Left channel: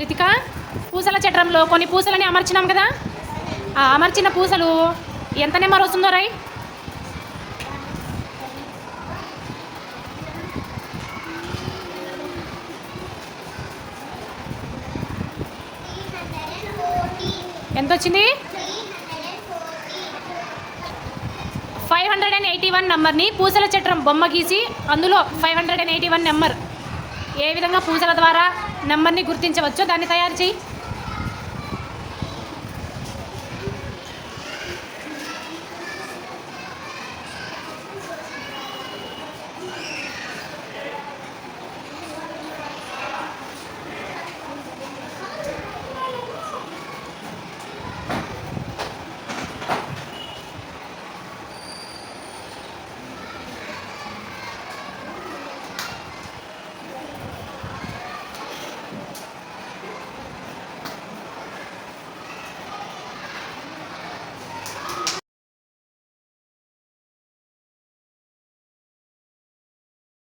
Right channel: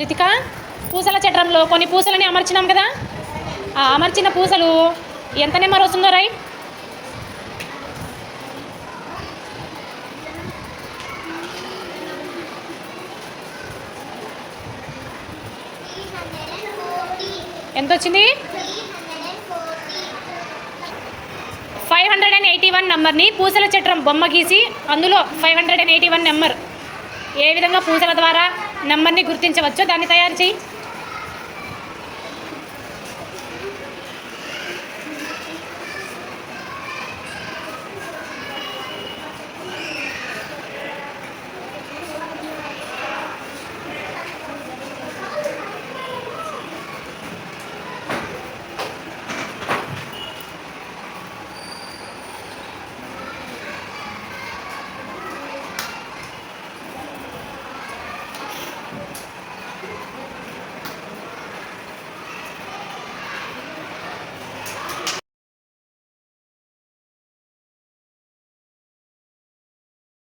రితిక, పూసల చట్రంలో కొన్ని పూసలని అమర్చినాం కదా, ఆ అమర్చిన పూసలు ఎంత నెంబర్ వస్తుందో రై. ఎంత వచ్చింది? 581 నెంబర్ని పూసల చట్రం బొమ్మ గీసి అందులో 581 నెంబర్ ఏ విధంగా పూసల ద్వారా నెంబర్ని గుర్తించవచ్చో దాన్ని తయారు చేయి.